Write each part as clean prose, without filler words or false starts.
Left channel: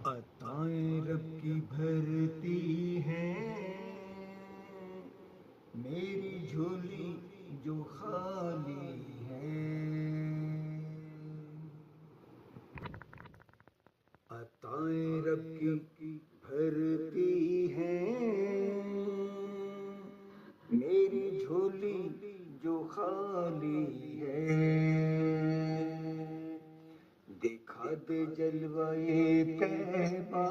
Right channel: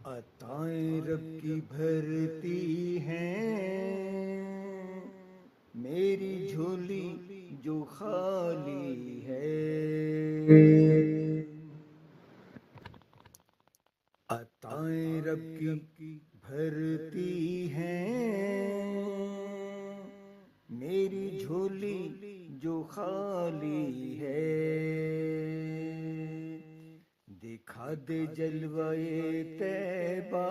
عطائیں رب کی بھرتی ہیں میری جھولی جو خالی ہے۔ عطائیں رب کی بھرتی ہیں میری جھولی جو خالی ہے۔ دکھا دے جلوائے طیبہ،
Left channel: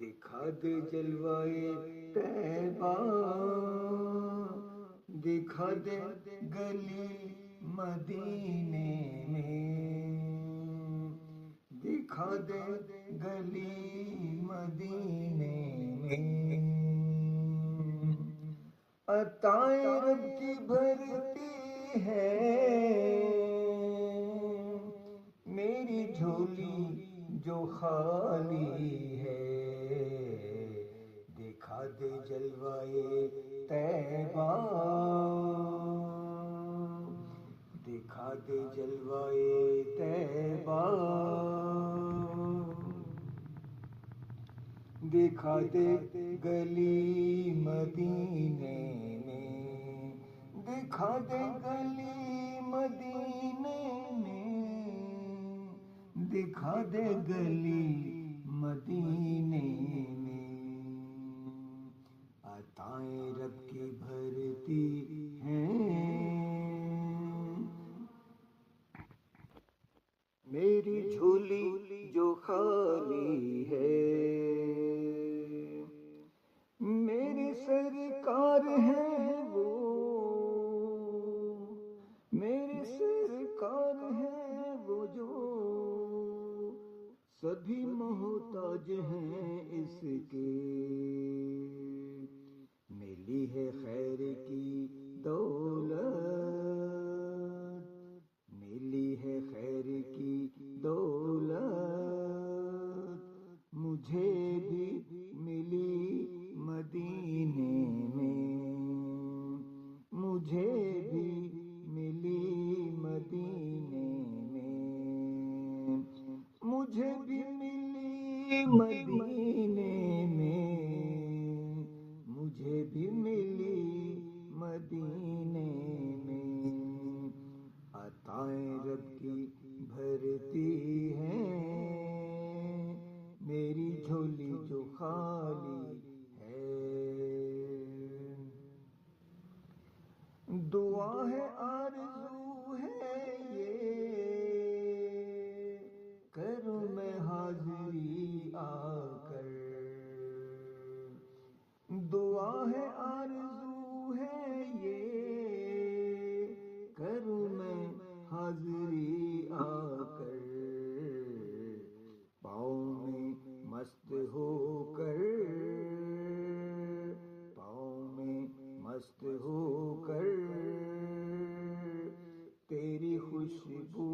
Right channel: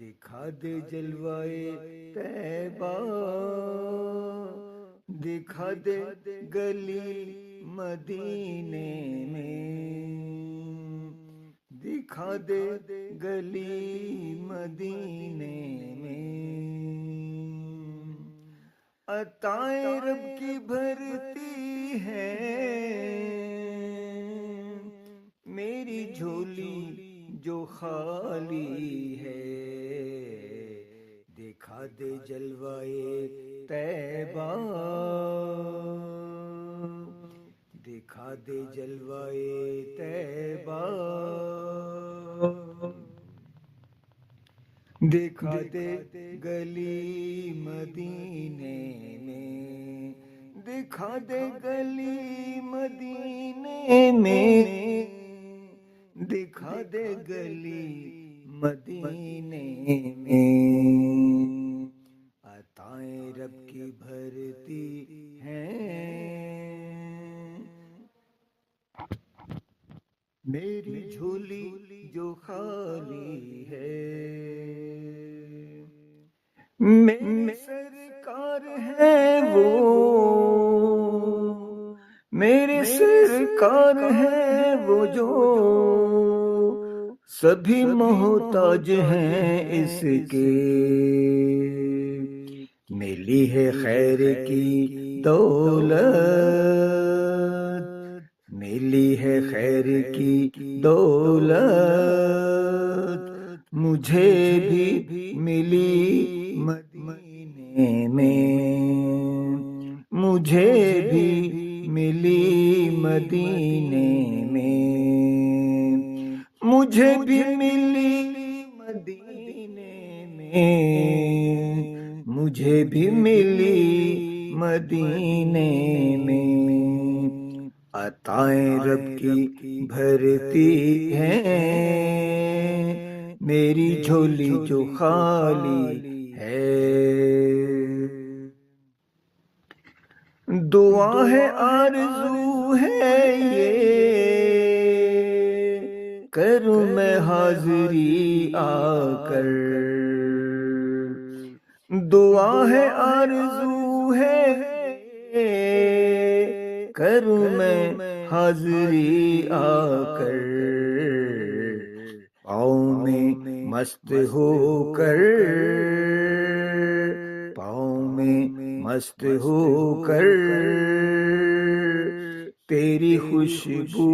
دکھا دے جلوائے طیبہ، دکھا دے گلی مدینے میں، دکھا دے گلی مدینے میں۔ عطائیں رب کی بھرتی ہے میری جھولی جو خالی ہے۔ دکھا دے جلوائے طیبہ، دکھا دے جلوائے طیبہ، دکھا دے گلی مدینے میں، دکھا دے گلی مدینے میں، دکھا دے گلی مدینے میں۔ عطائیں رب کی بھرتی ہیں میری جھولی جو خالی ہے۔ میرے سرکار ہے وہ، میرے سرکار ہے وہ جو سبھی محتاج ہیں اس کے۔ ملی ہے خیر کی دولت، ملی ہے خیر کی دولت، مجھے بھی ملی مدینے میں، مجھے بھی ملی مدینے میں، مجھے بھی ملی مدینے میں، مجھے بھی ملی مدینے میں۔ عطائیں رب کی بھرتی ہیں میری جھولی جو خالی ہے۔ دعا ہے آرزو ہے یہ، کروں میں حاضری آ کر، دعا ہے آرزو ہے یہ، کروں میں حاضری آ کر، پاؤں میں مست ہو کر، پاؤں میں مست ہو کر، تیری خوشبو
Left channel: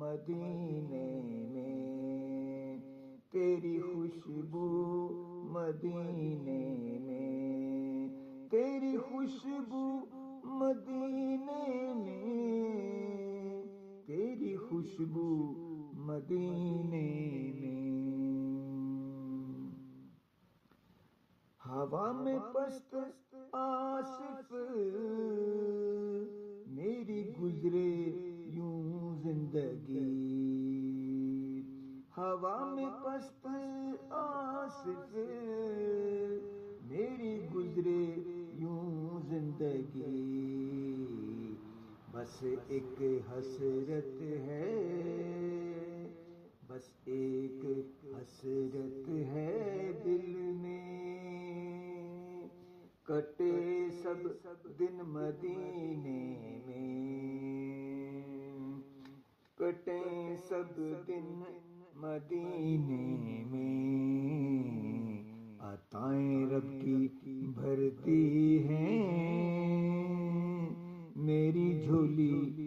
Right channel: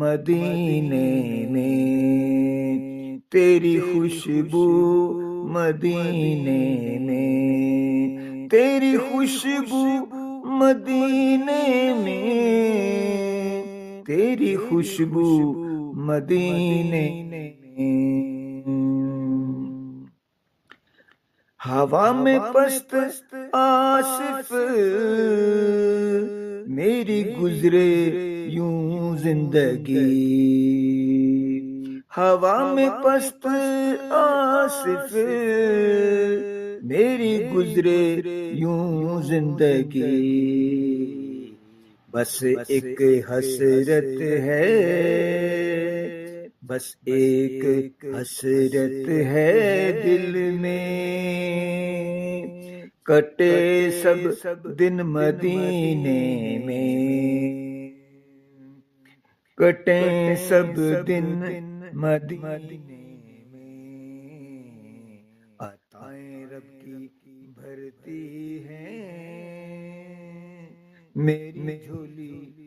مدینے میں، تیری خوشبو مدینے میں، تیری خوشبو مدینے میں، تیری خوشبو مدینے میں۔ ہوا میں پست آصف میری گزرے یوں زندگی، ہوا میں پست آصف میری گزرے یوں زندگی، بس ایک حسرت ہے، بس ایک حسرت ہے دل میں، کٹے سب دن مدینے میں، کٹیں سب دن مدینے میں۔ عطائیں رب کی بھرتی ہیں میری جھولی